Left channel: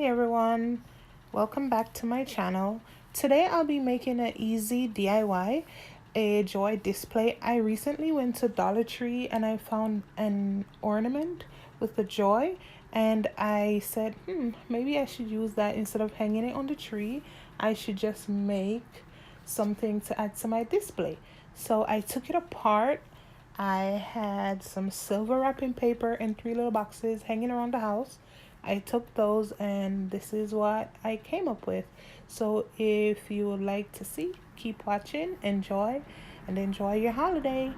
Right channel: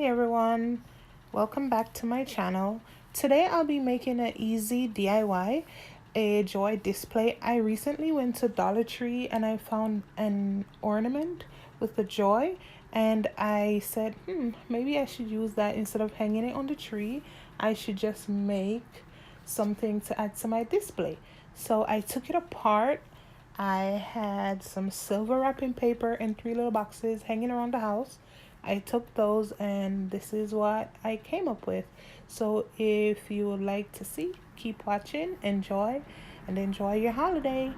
Hi everyone, welcome back to my channel. Today I'll be making an easy DIY, a joy display. I recently went to Dollar Tree and I found an ornament with the joy, and I said, maybe I should use that instead of hanging it on the tree. I should just make something to add to my display. So I took it apart. I had some silver wrapping paper in three little boxes hanging around the house. I took those and this is what I came up with. So if you would like to see, keep watching, enjoy, and enjoy your holiday.